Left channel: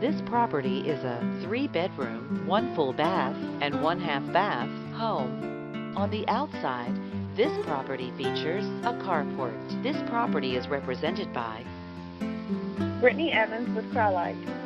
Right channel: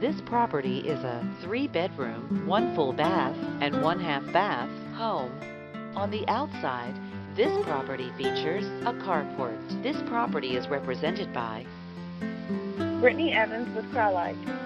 This property is a 3-bedroom, 1 full bath, and 1 half bath home. On the outside, this property features a carport. This property is represented by Brittany Evans with Crye-Leike.